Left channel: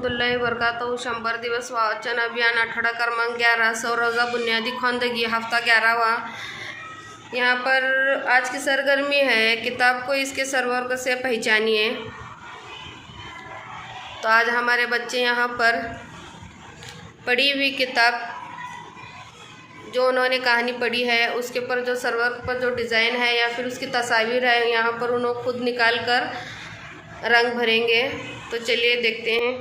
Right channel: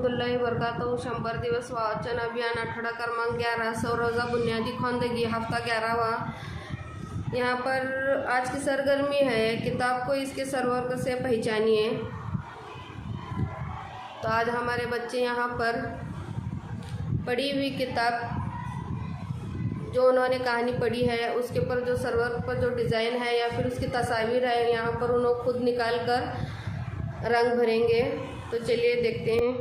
रहमतुल्लाहि वबरकातुहू 100 दिवस वाचन अभियान आठवडा क्रमांक 11 सौरजा बुनियादी ख्वांदगी हफ्ता 11वां। यहाँ पर आज की सरगर्मी है किताब को इसके सरवर्ग से पहचानिए। तो आज हमारे बच्चे यहाँ पर पढ़ी हुई किताब जो उन्होंने कहानी पढ़ी है उसके ऊपर जो सरवर्ग पर जो डिज़ाइन है या फिर उसकी तस्वीर है यहाँ पर उन्होंने खुद निकाल कर रंग भरेंगे। तो चलिए देखते हैं।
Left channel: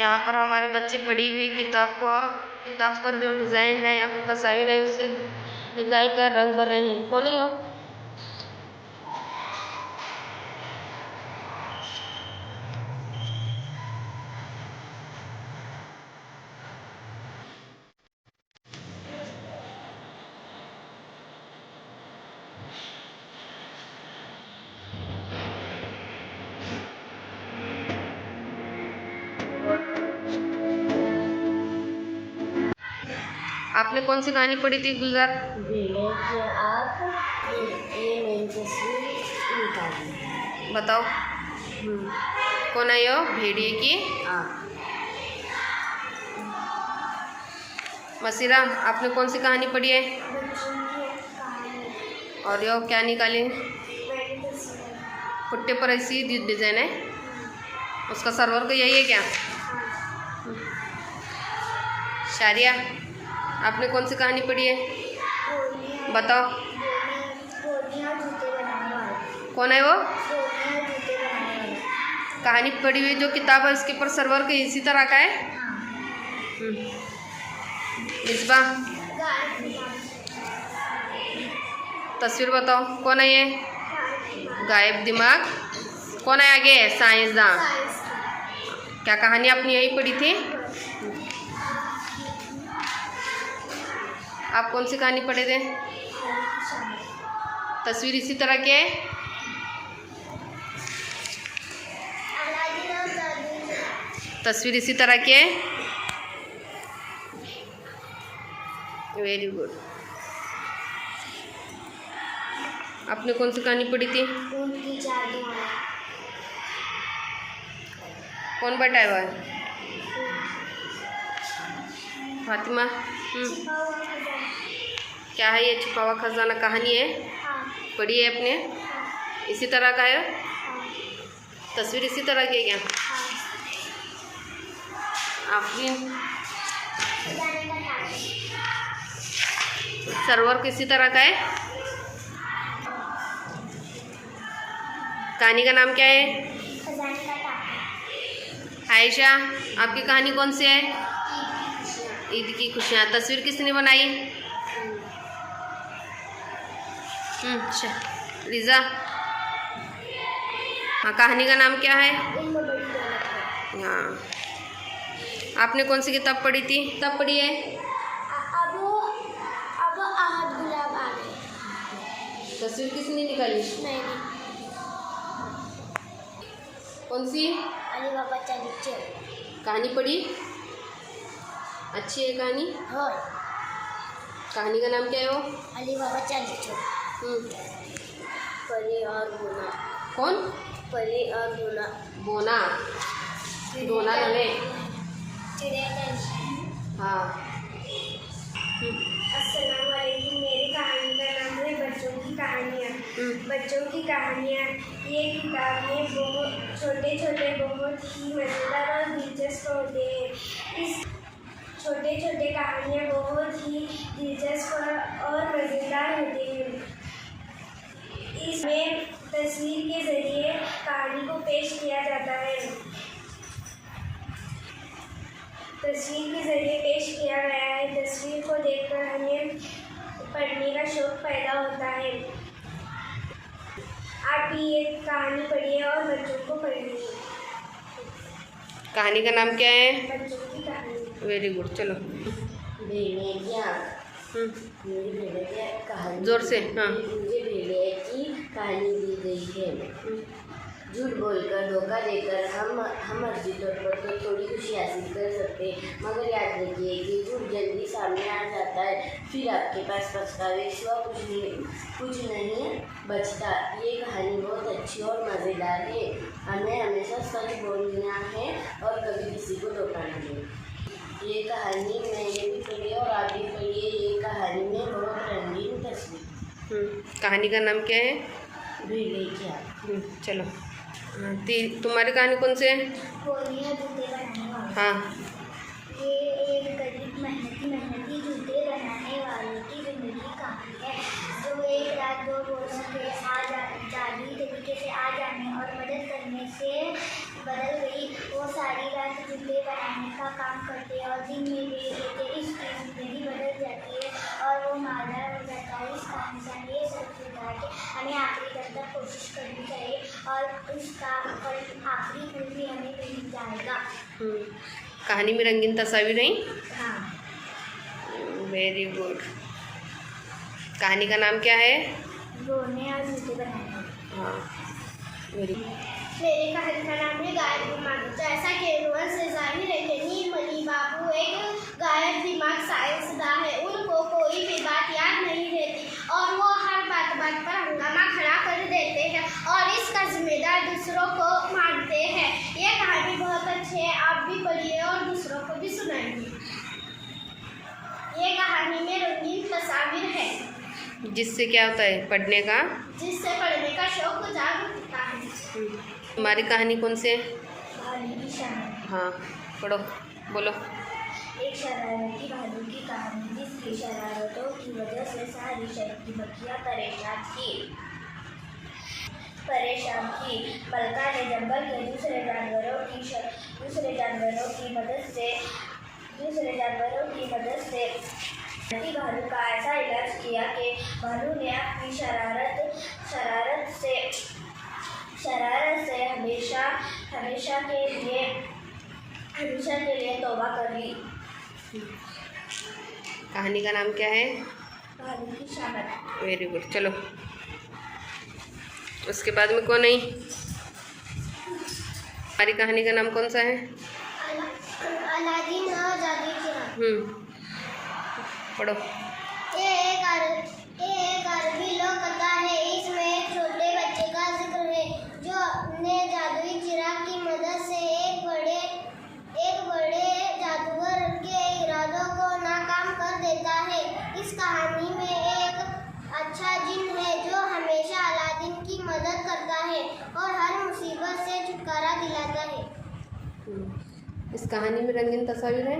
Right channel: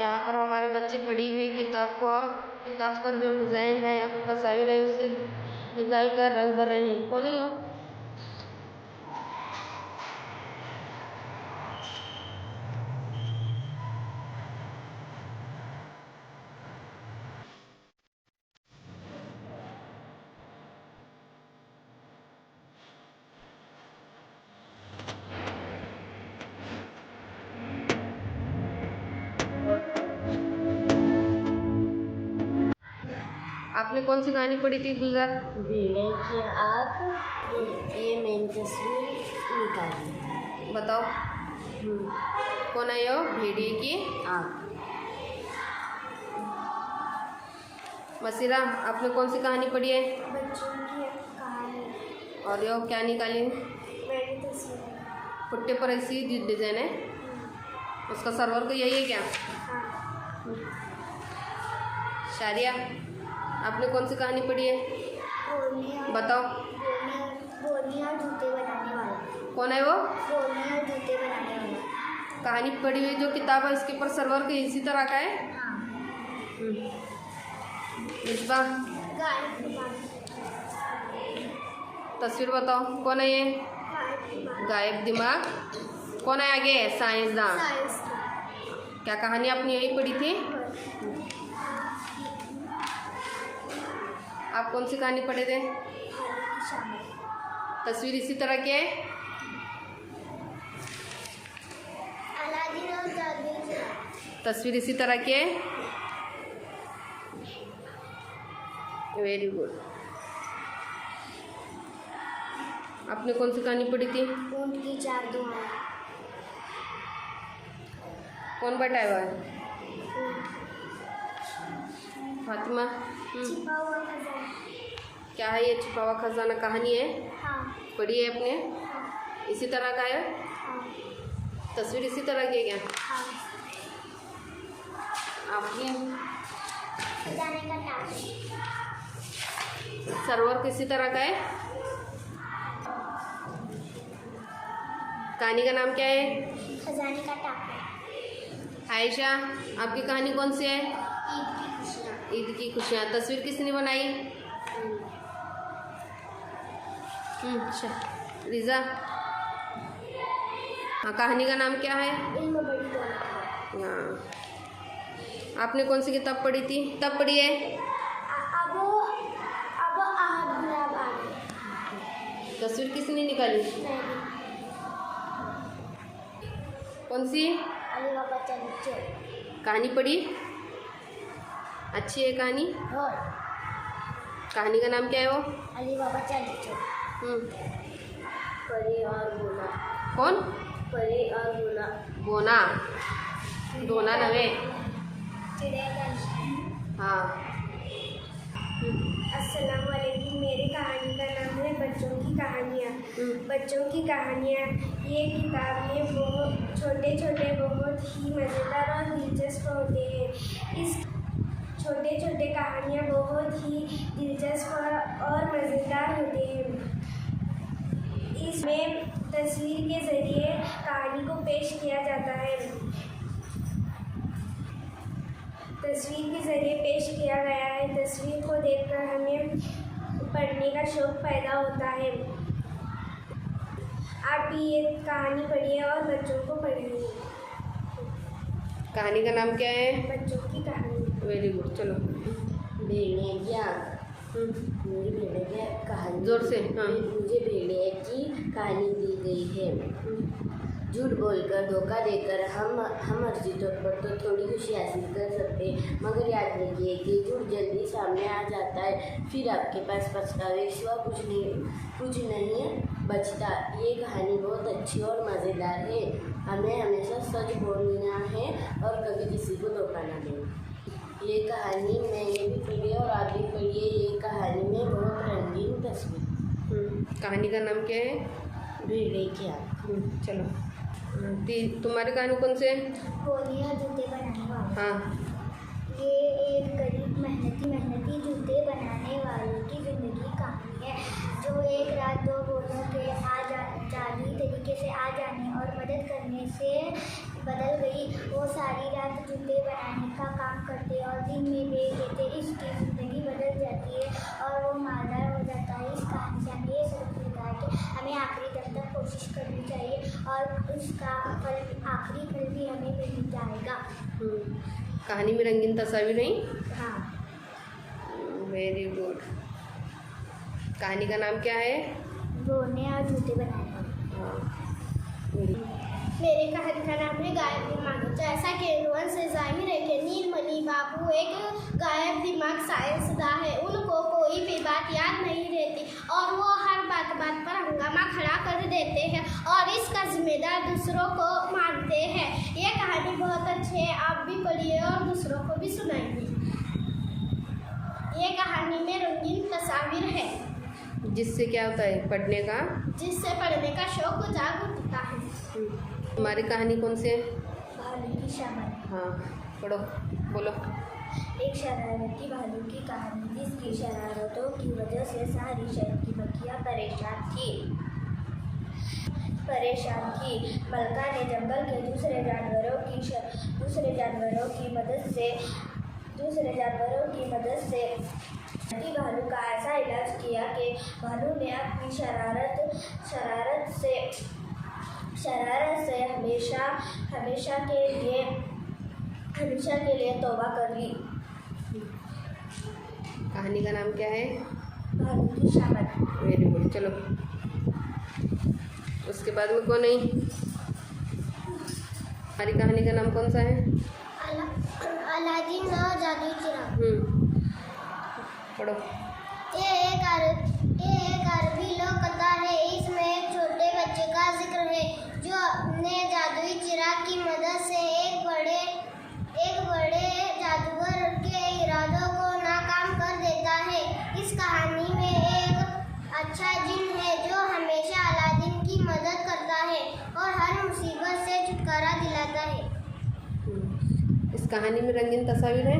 यहाँ पर हमारे बच्चे पढ़ी हुई किताब पर जो डिज़ाइन है या फिर तस्वीर है उसे निकाल कर रंग भर रहे हैं। बोलिए आपने कौन सी कहानी पढ़ी थी गुलजार? आप ये मेरी तस्वीर निकालिए। बताओ कौन है यो? भेड़िए की मसीरा, आपने कौन सी कहानी पढ़ी है? और यो क्या निकाली? पुट्टे पर ऐसी डिजाइन है, उसका सरवर्ग यही है क्या? शारिया, आपने कौन सी कहानी पढ़ी है? बताओ कौन है वो? कहानी पढ़ी हुई जो किताब है उसके ऊपर सरवर्ग इसी तरह का है। मिसबा, तस्वीर बताओ कौन है ये? गायब दिमाग। कौन है आगे? साइंसदान। क्या कहानी आपने यही पढ़ी थी? आप कौन सी कहानी पढ़े थे? तस्वीर इसी तरह की है। तस्वीर इसी तरह की है। Very good. आपने कौन सी कहानी पढ़ी थी? कौन बैठा हुआ है? फातिमा। क्या है ये? छुपा हुआ खजाना कहानी है। पढ़ी है आपने? इसी तरह का है। तस्वीर इसी तरह की है क्या? आफरीन। सरवर किसी तरह का है। कहानी का नाम क्या है? आयशा, आपकी कहानी कौन सी है? ईद की खुशियाँ। तस्वीर किसने बनाई? रिजा। हाँ, कहानी का नाम क्या है? हाँ, आपने कौन सी किताब पढ़ी थी? कब पढ़ी है? अब आहद गुलाब आ गए। तस्वीर किसने निकाली? मैंने। कौन सी? अली बाबा चलिए। कहानी पढ़ी? अच्छी है कहानी। हाँ। कहानी का नाम क्या है वो? अली बाबा चलिए। परी और बोना। कौन? परी और बोना। बोना। दोना नवे। हाँ। अस्सलाम वालेकुम। मेरी कहानी का नाम है बच्चों की कहानियाँ। बच्चों की कहानियाँ। ये किताब में बहुत छोटे छोटे बहुत ही मज़ेदार और दिलचस्प होते हैं। इस छोटे छोटे कहानियाँ बहुत ही दिलचस्प और मज़ेदार होते हैं। इसमें तस्वीर के ज़रिए कहानी को पेश किया जाता है। तस्वीर के ज़रिए पेश किया गया है। तस्वीर को देखकर हमें पढ़ने का शौक़ पैदा होता है। आप भी ये कहानी पढ़िए और बच्चों को पढ़िए। कहानी का नाम क्या है? बच्चों की कहानी। Very good. चलो भेड़िया। मेरी भेड़िया कहानी। जोर से। हाँ। मुझे भेड़िया की कहानी दी गई है। झूठ बोलकर, धोखा देकर हम अर्जी तौर पर तो थोड़ी खुशी हासिल कर सकते हैं, मगर याद रखिए कि झूठ जल्दी सामने आ जाता है, फिर आपके पास पछतावे सिवा कुछ नहीं बचता। ये कहानी बहुत अच्छी और मज़ेदार है। हमें हमेशा सच बोलना है और कभी किसी को धोखा न दें। ये कहानी मैंने भी पढ़ी और आप भी पढ़िए। ये कहानी में बहुत रंगीन तस्वीर। कहानी का नाम क्या है? भेड़िए की आग। चलो तुम्हारी कहानी कौन से है? बोलियाँ जूते बनाने वाले। हाँ। ये एक गरीब मेहनती जूते बनाने वाले की ज़िंदगी की कहानी है, जो एक रात दो बोलों के जादुई तरीके से आ जाने और मदद करने से बदल गई। वो सारी रात जूते बनाने का काम करते और दिन में बेच देते। इसकी ज़िंदगी बदल जाती है और वो मालदार हो जाता है। इस कहानी से हमें ये सबक मिलता है कि हमें आखिरी दम तक कोशिश करनी चाहिए और उसका फल आखिरी फल भी हमें मिल जाएगा। कहानी में रंगीन तस्वीर नहीं? हाँ। Very good. कहानी का नाम क्या है? रोने और जूते बनाने। हाँ, वेरी। मेरे कहानी का नाम है गायब दिमाग। जैसा कि रोहन से जाहिर है कि नीलमणि बाबू एक गायब दिमाग साइंसदान है। उनको कोई भी बात याद नहीं रहती और वो हर बात पर हंगामा खड़ा कर देते हैं और इसका जिम्मेदार दूसरों को मानते हैं। ये कहानी बहुत अच्छी है, आप भी पढ़िए और दूसरों को भी सुनाइए। ये कहानी में रंगीन तस्वीर है, जिससे क्या होता है पढ़ने का? जिससे पढ़ने का शौक जाग उठता है। तुम्हारी कहानी कौन सी है? भालू की शरारत। हाँ, पढ़ो, बोलो। एक शरारती भालू की कहानी, जिसकी शरारतों की वजह से सारी शहर की बच्चियां परेशान थी। मलका ने जंगल के दूसरे जानवरों की मदद से भालू का ऐसा इलाज किया कि भालू ने अपनी शरारत से हमेशा के लिए तौबा कर ली। कहानी का नाम क्या है? भालू की शरारत। Very good. चलो उसके बाद में कौन है? हमारी कहानी का नाम कौन सा है? अलादीन और जादुई चिराग। पढ़ो। ये एक अरबी लोक कथा है। इसमें एक छोटे बच्चे का जिक्र है जो अपने जादुई चिराग की मदद से एक बड़े जादूगर के इरादों को नाकाम कर देता है। इस कहानी में एक अच्छा जिन है जो हमेशा अलादीन की मदद करता है और हर मुसीबत से छुटकारा दिलाता है। इस कहानी में रंगीन तस्वीर है।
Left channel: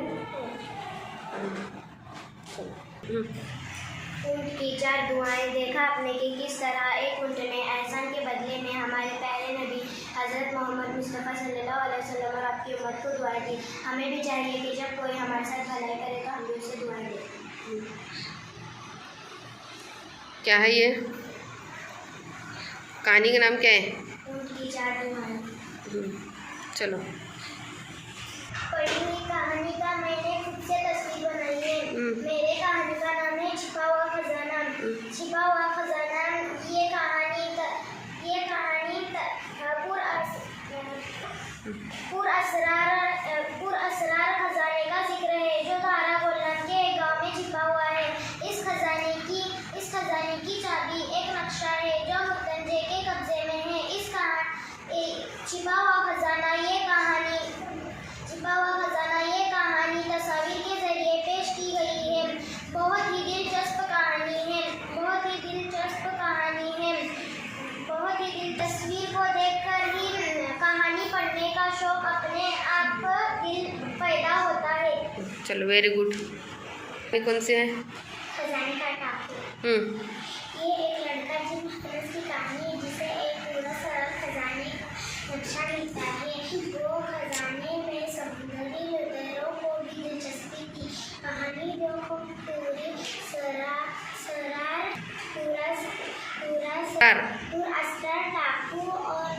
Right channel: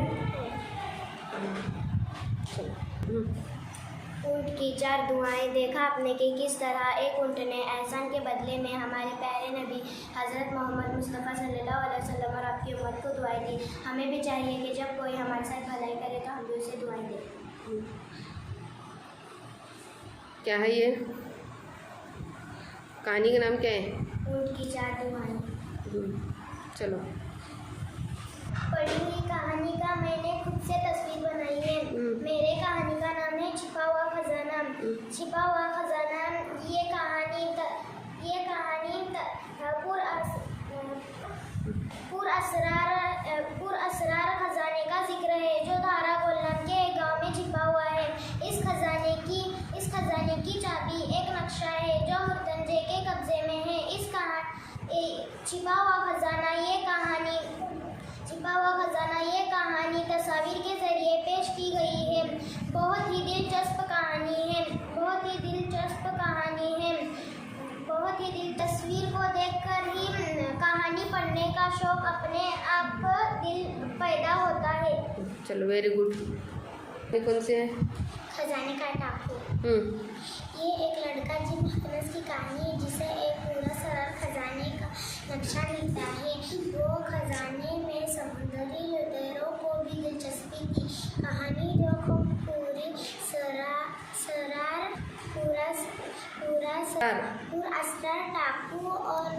ऊँट की 4 दुआएं। देखा आपने कि किस तरह एक ऊँट ने एहसान के बदले में हमारे प्यारे नबी हज़रत मोहम्मद मुस्तफ़ा सल्लल्लाहु अलैहि वसल्लम और आपकी उम्मत को दुआएं दी। हमें भी चाहिए कि जब कोई हमारे साथ भलाई करे तो हम भी उसे दुआएं दें। क्या है ये? कहानी का नाम क्या है? ऊँट की 4 दुआएं। चलो। पढ़ी हुई कहानी का मैंने खुद से तस्वीर बनाई है। मेरे कहानी का नाम है छिपा हुआ खजाना। छिपा हुआ खजाना। ये कहानी पुरअसरार खजाने का जिक्र है जो धारा गोलन के एक गांव में छिपा हुआ है। इस खजाने की चाबी एक नक्शा है जो मुतंजे के कब्जे में है। छिपा हुआ खजाना ये कहानी तस्वीर के जरिए पेश की गई है। बहुत ही दिलचस्प कहानी है। तस्वीर को देखकर ही कहानी पढ़ने का शौक अपने आप दिल पैदा होता है। चलो, वेरी गुड। कौन से है? खजाने का टापू। ये एक लड़का जिन हकरस की कहानी है जिसे एक पूरा सरल खजाने का नक्शा मिलता है। वो खजाने में समुद्री लुटेरों को भी दिलचस्पी थी। कहानी देखो पूरी असरार टापू और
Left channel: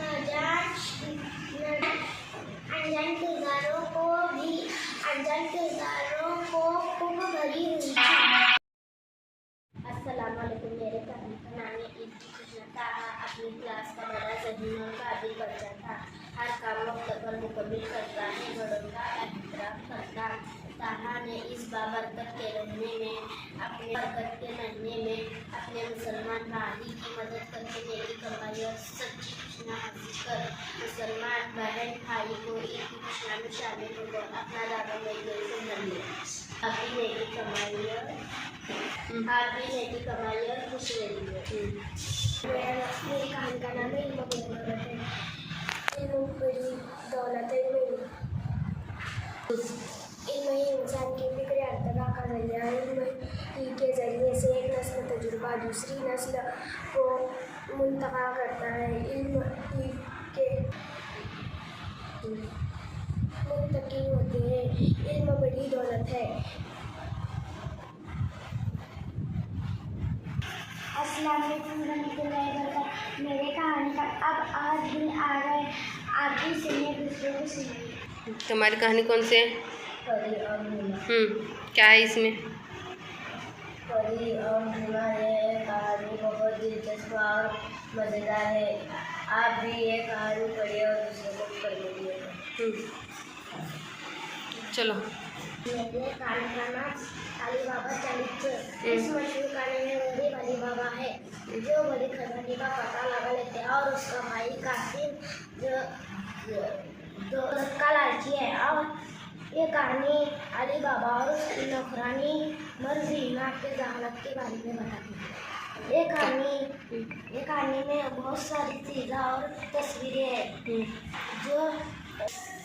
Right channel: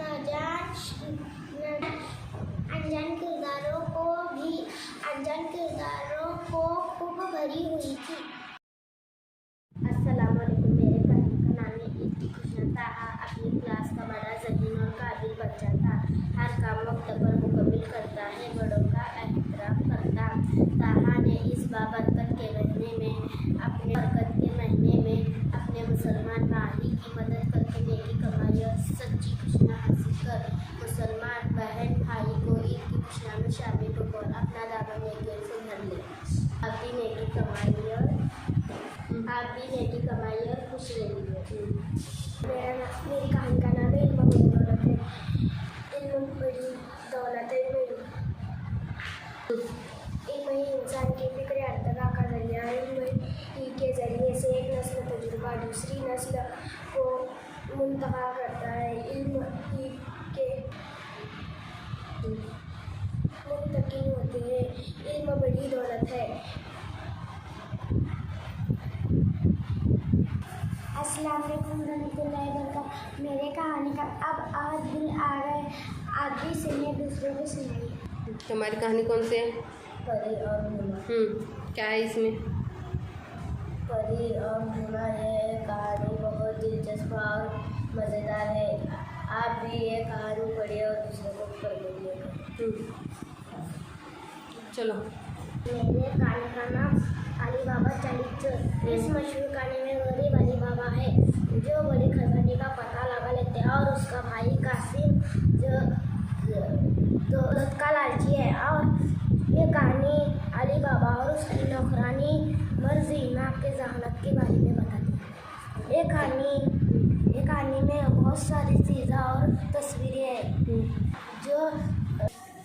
अनजान किरदारों को खूब भरी हुई थी। अस्सलामुअलैकुम। मेरे नाम है अपनी क्लास का बड़ा जमीन और काबिल बच्चा मुसलमान कहानी की मदद करके नेकी कमाई और सच्ची खुशियाँ हासिल कर मुसलमान बहन भाई को ईद की खुशियाँ में शामिल होकर अपना दादा नेकी से भर ले। आप भी नेकी कमाई और खुश रहिए। मेरी कहानी का नाम है इल्म बड़ी दौलत है। इल्म बड़ी दौलत है। इल्म ही इंसान की फिक्र अर्तका का जरिया है। इल्म ही के ज़रिए से एक नस्ल तजुर्बा दूसरी नस्ल को मुंतका करता है। इल्म ही के मुंतकी होते हैं। इल्म बड़ी दौलत है। अस्सलाम वालेकुम रहमतुल्लाहि व बरकातहू। मेरे कहानी का अब आज दिन आ गए, आप भी सुनिए, दूसरों को सुनाइए। तुम्हारी कहानी कौन सी है? परी और भीमा। क्या है इसमें? परी और भीमा ये कहानी बहुत दिलचस्प और मज़ेदार है। आप भी ये कहानी पढ़िए और दूसरों को पढ़ने दिए। चलो। मेरे कहानी का नाम अली बाबा चरित्र। इस मशहूर कहानी में गरीब अली बाबा है जो बड़ी खजाने का पता लगा लेते हैं और उसका भाई कासिम जो दौलत का लालची है। और ये कहानी अली बाबा और उसकी नौकरानी मरजीना के जहानत के बारे में बताती है। ये कहानी में बहुत सारी चीज़ें और तस्वीरें हैं जो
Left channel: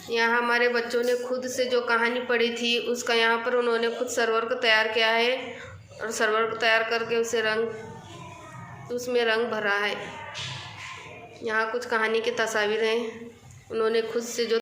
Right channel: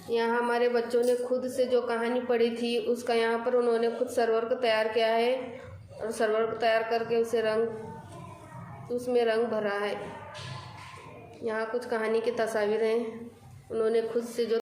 यहाँ हमारे बच्चों ने खुद से जो कहानी पढ़ी थी उसका यहाँ पर उन्होंने खुद सर्वर को तैयार किया है और सर्वर को तैयार करके उसमें रंग भरा है। यहाँ कुछ कहानी की तस्वीरें हैं उन्होंने खुद से जो